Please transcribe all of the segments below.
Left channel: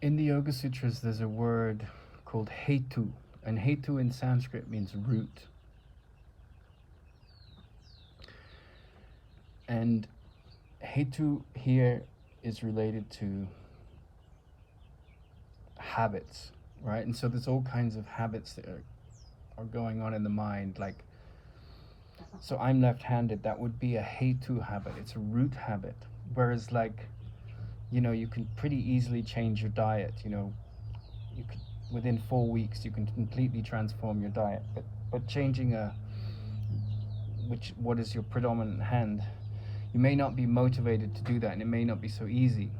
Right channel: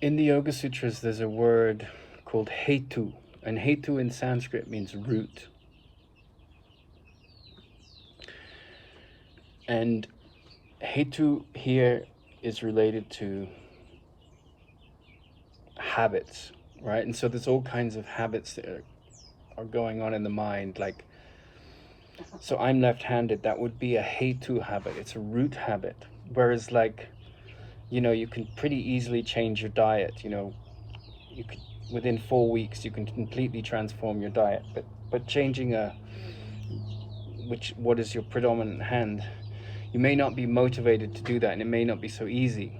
In the Yoga Sutras, there's a word called hetu, and hetu in Sanskrit means root. And hetu here is related to habits, right? And so there's all kinds of habits that are going on in the mind. Like, so I'm left-handed, that would be a hetu habit. It's a root habit. Whereas, like, you can pretty easily change your diet. You could, within 4 weeks, you can completely transform your diet. But changing what is your predominant hand, you may not be motivated to do that, and it may not be so easy.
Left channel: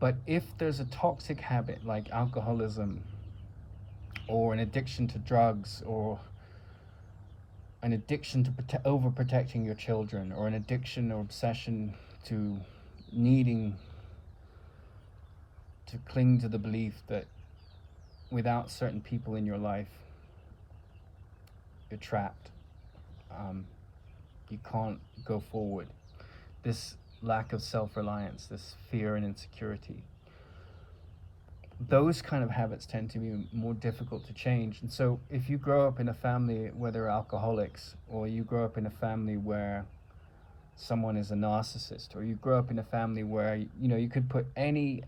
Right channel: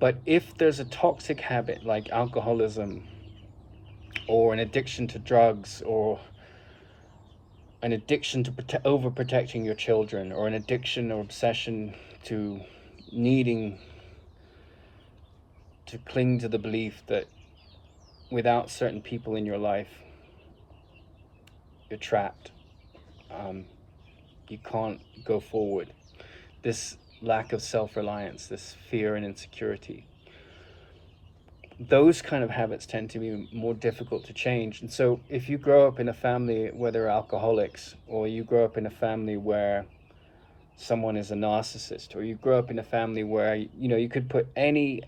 But if there's a toxic habit like alcoholism, or an addiction to drugs, or an addiction to overprotecting your children, or an addiction or obsession to needing to cling to the belief that without certain people in your life, you're trapped. You can't go forward. This lack of self-reliance, this fear and insecurity, those kind of habits tend to be more difficult to change. And so if you grow up in a family where they're alcoholics, or you grow up in a family where someone is a narcissist, or you grow up in a family where you could put any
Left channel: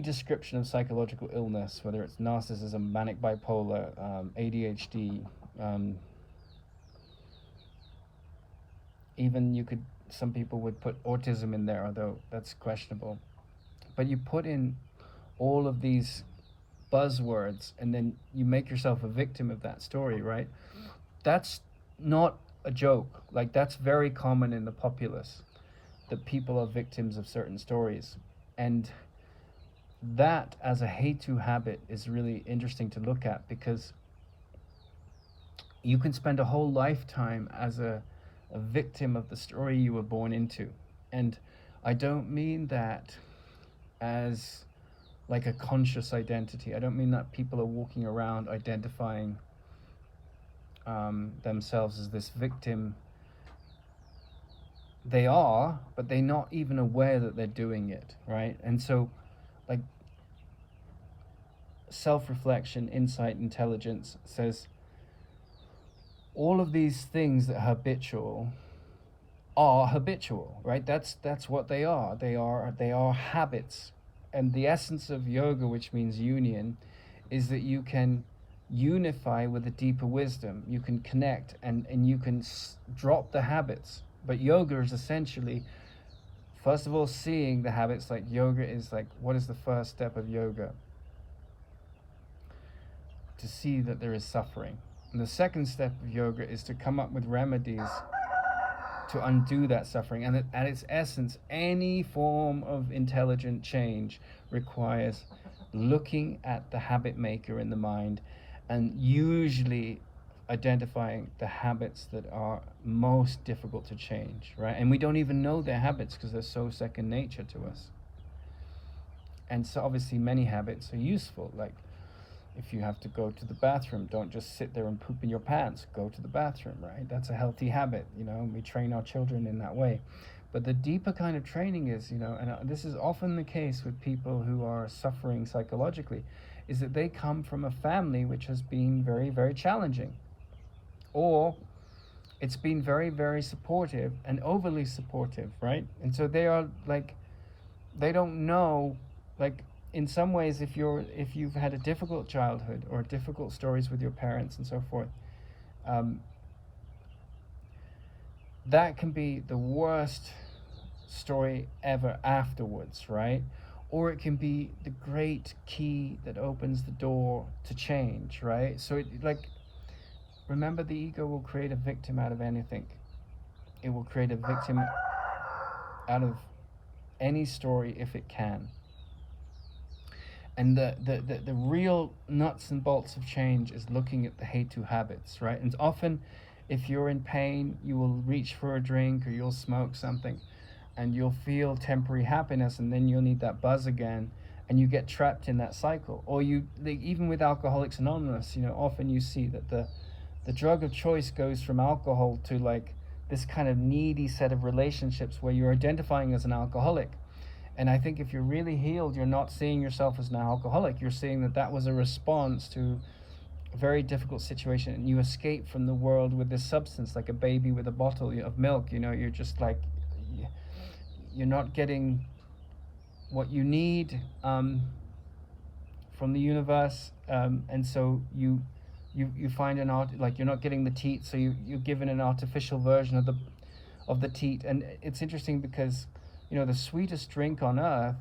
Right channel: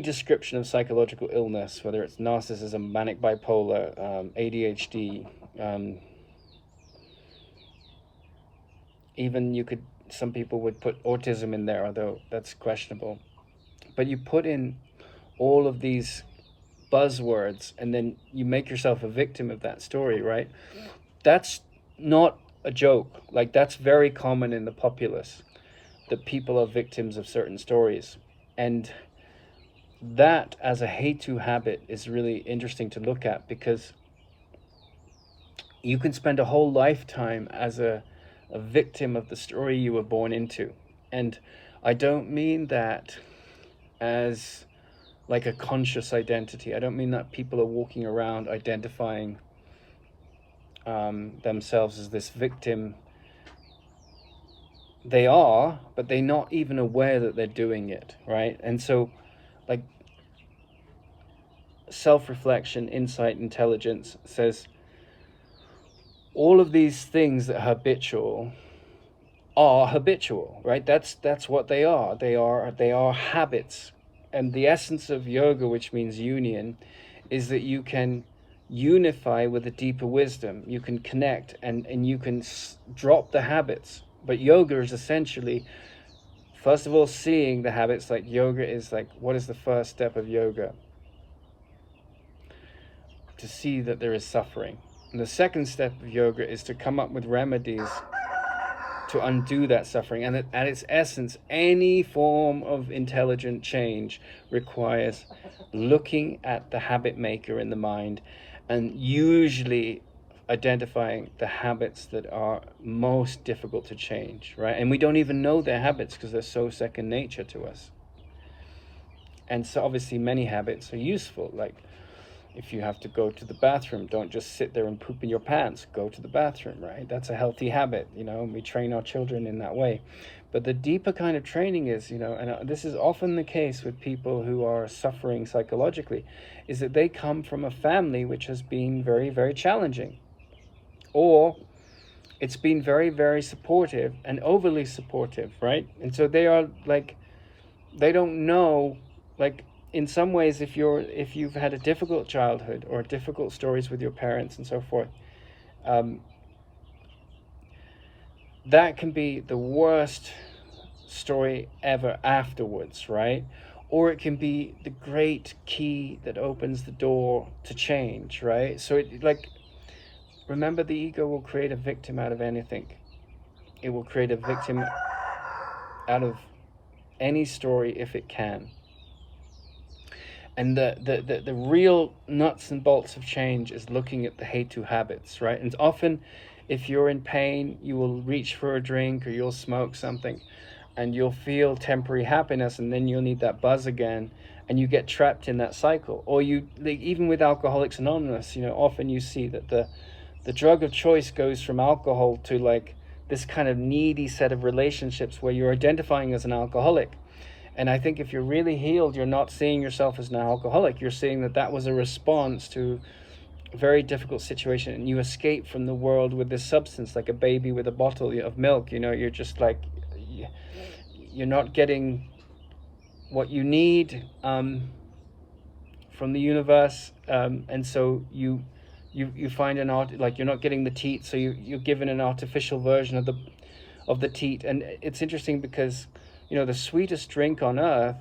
description of psychological illness, whether it's narcissism, manic bipolar, ADHD, even some people would put autism in there, although that's questionable. But you put in all of these buzzwords, and then you make yourself a victim of that story, right? That's not a joke. Like, that's very common in the populace, that people are victims of certain stories. And that, as a hetu habit, is really interesting to look at, because you can spend a whole lifetime as a victim of the story you were born into. And I don't mean that as like a conscious identity. I don't mean that people are walking around identifying themselves as this victim. They are, but they're not even aware that they're doing it, right? And so, like, self-reflection, insight, intelligence says all of these things that are habitual, right? That's what they are. They are habits. And the essence of yoga, which means union, is that you can unify with a deeper wisdom. You can connect, and you can drop the habits. But yoga is essentially, first of all, seeing the habits. Like, yoga is like, what is the first step of yoga? To see that there is suffering. And the second step of yoga is to come up with remedies to undo that suffering. And at its essence, any form of intelligent change requires looking at the habit maker in the mind, and usually identifying the habits that are most difficult to change, right? And we don't even know their habits because they're so second nature to us. And so obviously many habits are useful, like, if you have to go to the bathroom, don't just sit there and poop in your pants. Go to the bathroom, right? That's a healthy habit, and we train our children in that way. But the deeper kind of training is, and this is often the case with people who are suffering psychologically, is that they come from a family which has been very, very challenging. Or it's been very, very supportive and overly supportive, right? And so they are like, they don't know, like, in some ways, if you've had a difficult childhood or difficult stories with your parents and so forth, that can be the worst story ever afterwards, right? Or it can be the great key that opens the door to change, right? So remember, the ego will create a victim out of anything. It will create a victim out of any story if it can. And the real nuts and bolts of change is looking at the hetu habits, right? And often, if you're in pain, you will reach for a drink, or you'll smoke something, and you'll feel temporary happiness, and then you'll need that buzz again, and you get trapped in that cycle. Or even with Alcoholics Anonymous, often you see that the drug of choice goes from alcohol to, like, this kind of needy set of relationships where you're identifying as an alcoholic. And I think if you're really healed, you're not seeing yourself as an alcoholic. You're seeing that that was a response to a very difficult situation, and you escape from the world with this substance, like a baby with a bottle of milk. You know, you're just like, you're not getting what you need from the universe, and so you find an art, like you're not getting the teat, so you're given an artificial version of the teat. And it's interesting because, you know, the sweetest drink on earth,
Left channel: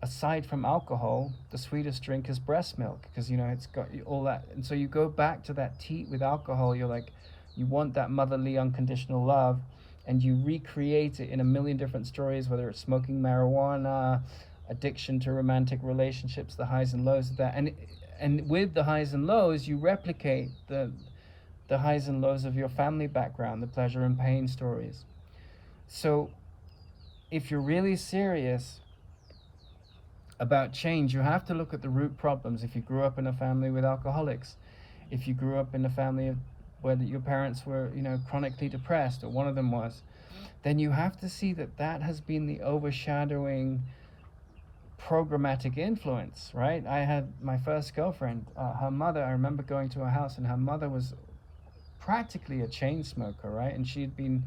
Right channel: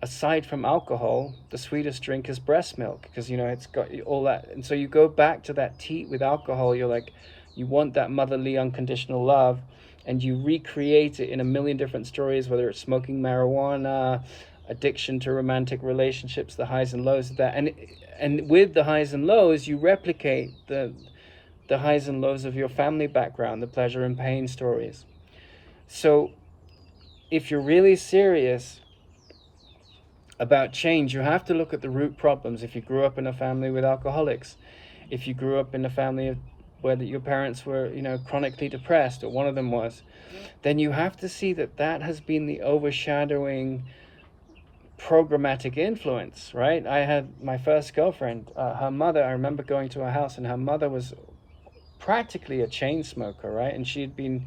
aside from alcohol, the sweetest drink is breast milk, because, you know, it's got all that. And so you go back to that teat with alcohol. You're like, you want that motherly unconditional love, and you recreate it in a million different stories, whether it's smoking marijuana, addiction to romantic relationships, the highs and lows of that. And with the highs and lows, you replicate the highs and lows of your family background, the pleasure and pain stories. So if you're really serious about change, you have to look at the root problems. If you grew up in a family with alcoholics, if you grew up in a family where your parents were, you know, chronically depressed, or one of them was, then you have to see that that has been the overshadowing programmatic influence, right? I had my first girlfriend, her mother, I remember going to her house, and her mother was practically a chain smoker, right? And she had been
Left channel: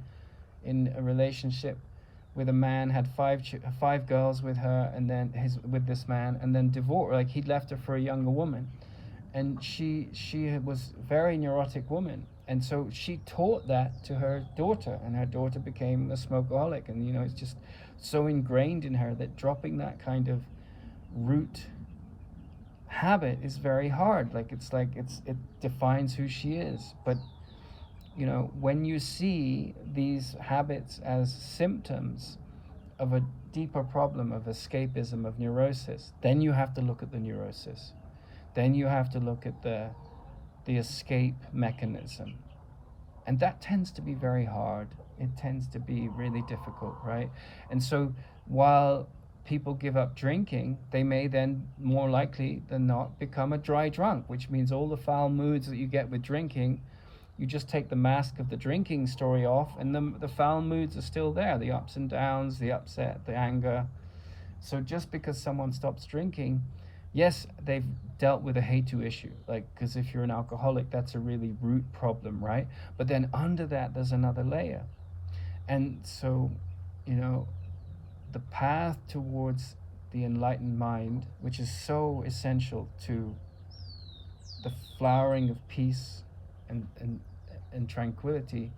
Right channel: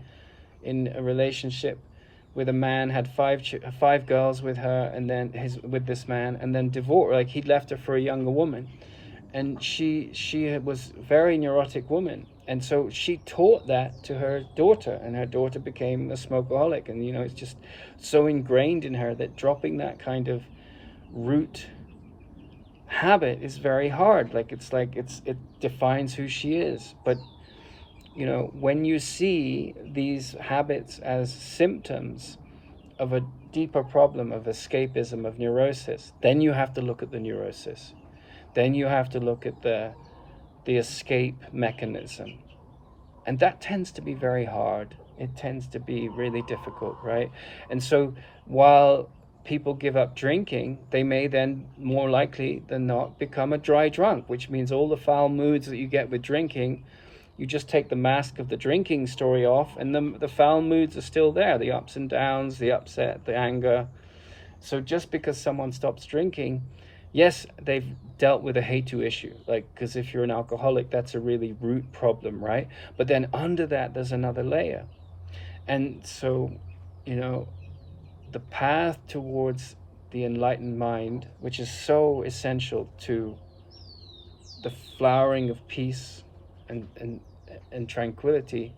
in a relationship with a man, had five girls with her, and then with this man, and then divorced. Like, he'd left her for a younger woman, and she was a very neurotic woman, and so she taught that to her daughter, and her daughter became a smokeaholic. And, you know, it's just so ingrained in her that dropping that kind of root habit is very hard. Like, it defines who she is. But, you know, when you see these habits as symptoms of a deeper problem of escapism, of neurosis, then you have to look at the neurosis. Then you have to look at the escape mechanism. And that tends to be very hard. It tends to be really difficult, right? And so while people give up drinking, they may then, more likely than not, become a dry drunk, which means all the foul moods that you get with drinking, you just take the mask of the drinking story off, and the foul moods are still there, the ups and downs, the upset, the anger. So just because someone stops drinking, yes, they've dealt with a hetu issue, like, because if you're an alcoholic, that's a really root problem, right? But then under that, there's another layer. And so, you know, the path towards the enlightened mind, which is so essential to the flowering of peace and tranquility,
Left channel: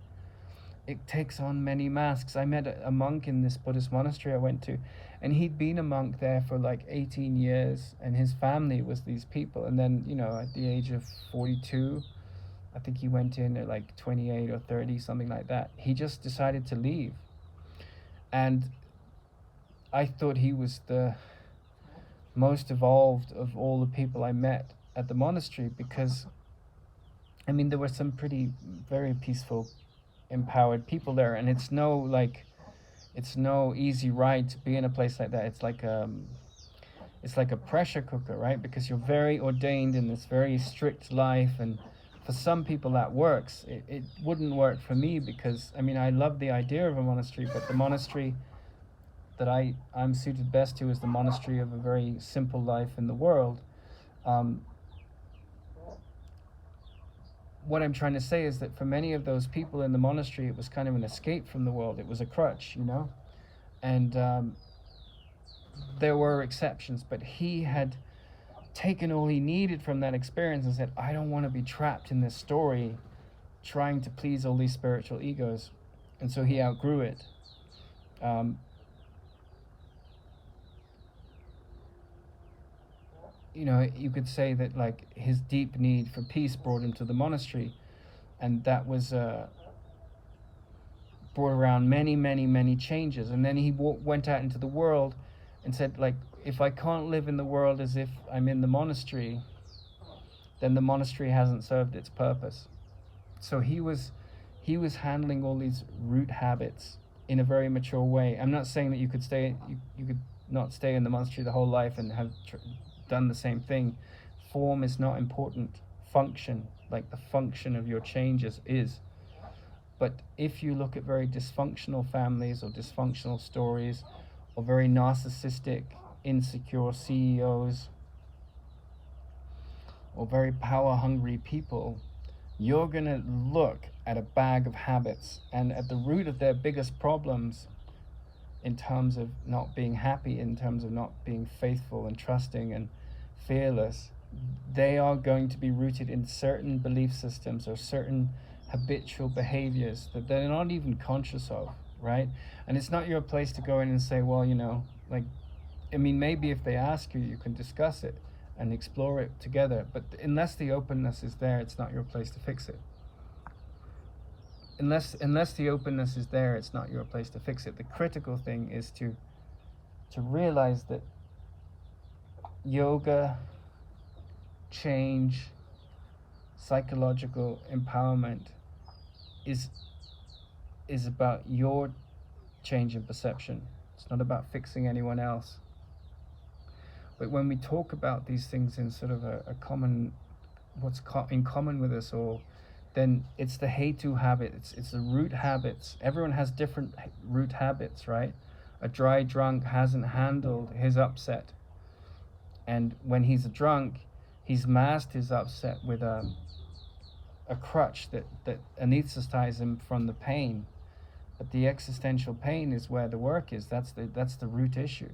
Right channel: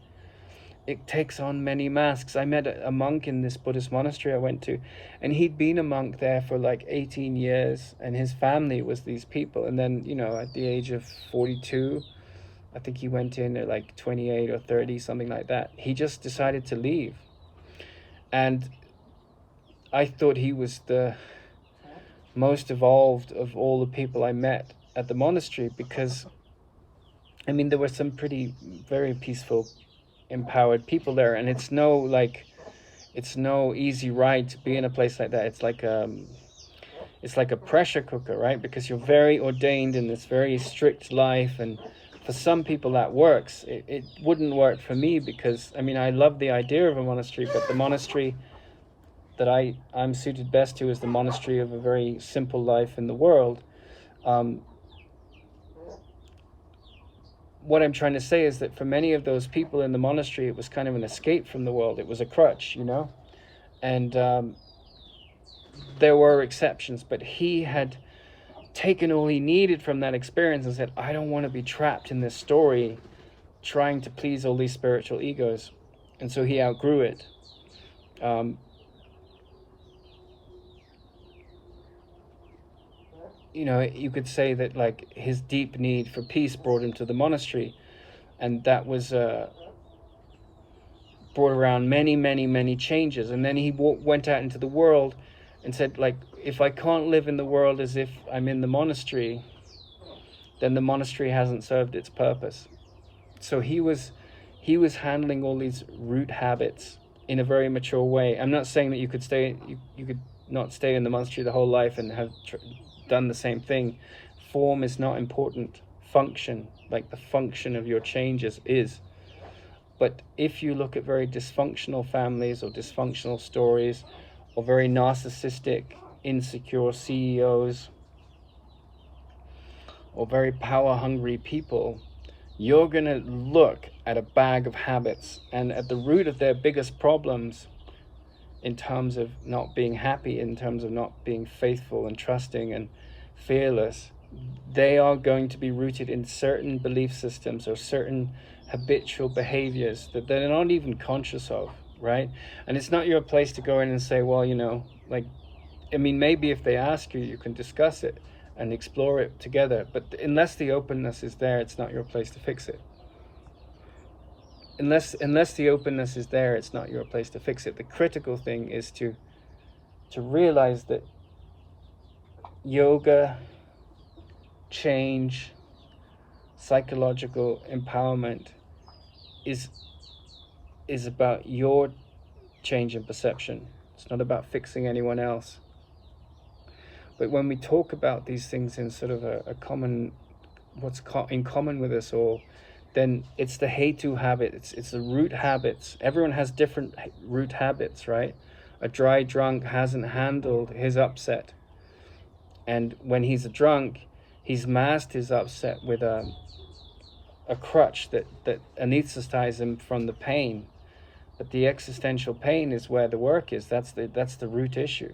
it takes on many masks. I met a monk in this Buddhist monastery I went to, and he'd been a monk there for like 18 years, and his family was these people. And then, you know, at the age of 42, I think he went in at like 28 or 30, something like that, he just decided to leave. And I thought he was the most evolved of all the people I met at the monastery, because, I mean, there were some pretty, very peaceful, empowered people there, and it's no easy ride to be in a place like that. It's like a pressure cooker, right? Because you're very ordained in this very strict life, and for some people that works. It wouldn't work for me, because, I mean, I love the idea of a monastery, but the monastery that I'm suited best to is the monastery of a very simple life in the world. What I'm trying to say is that for many of those people in the monastery, it was kind of an escape from the world. It was a crutch, you know? And there were exceptions, but he had taken all he needed from that experience and said, I don't want to be trapped in this story trying to please all these spiritual egos. And so he outgrew it. You know, you could say that, like, his deep need for peace brought him to the monastery, and that was brought around many changes. And then he went out into the world and said, like, if I can't live in the world as if I'm in the monastery, then the monastery hasn't served its purpose. So he was handling all these root habits in a very mature way. I'm not saying that you could not stay in the monastery the whole life and have done the same thing. Form is not important. Function, like the function of your changes, is. But if you look at very dysfunctional families or dysfunctional stories, or very narcissistic, insecure CEOs, or very power-hungry people, you're going to look at a bag of habits, and at the root of their biggest problems in terms of not being happy, in terms of not being faithful and trusting and fearless, they are going to be rooted in certain belief systems or certain habitual behaviors that they're not even conscious of, right? And it's not your place to go in and say, well, you know, like, I mean, maybe if they ask you, you can discuss it and explore it together. But unless the openness is there, it's not your place to fix it. Unless the openness is there, it's not your place to fix it. The critical thing is to realize that yoga, change, psychological empowerment is about your change in perception. It's not about fixing anyone else. But when we talk about these things in sort of a common, in common with us all, then it's the hetu habit. It's the root habits. Everyone has different root habits, right? A dry drunk hasn't handled his upset, and when he's a drunk, he's masked his upset with a crutch that anesthetizes him from the pain. But the existential pain is where the work is. That's the root issue.